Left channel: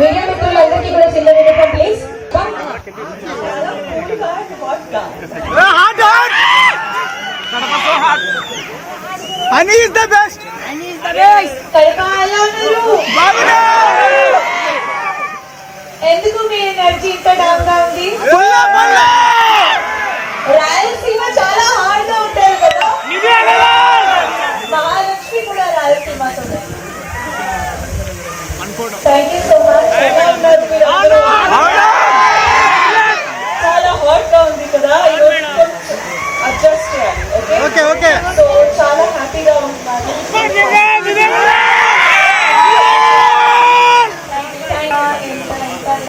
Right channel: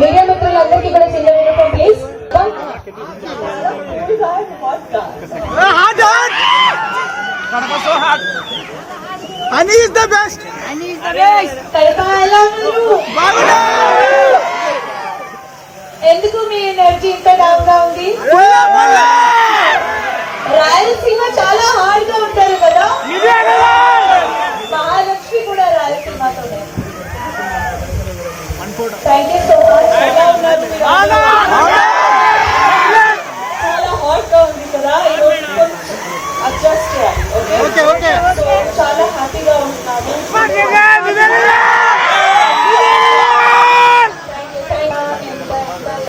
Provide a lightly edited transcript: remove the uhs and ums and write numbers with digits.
మీడియా మిత్రులందరికీ కూడా చిన్న విన్నపం please. Honey is the best. Honey is the best. ఎందుకు మీ ఎనర్జీ ఇంత డౌన్ గా ఉంది? రాయలసీమ చాలా హార్డ్ గా ఉంటారు కదా, మహాలక్ష్మి కూడా రాయలసీమతో. Thank you so much. చాలా హాట్ గా ఉంది కదా, అడ్జస్ట్ చేయాలి. ఓకే, చాలా హ్యాపీగా ఉంటున్నాను.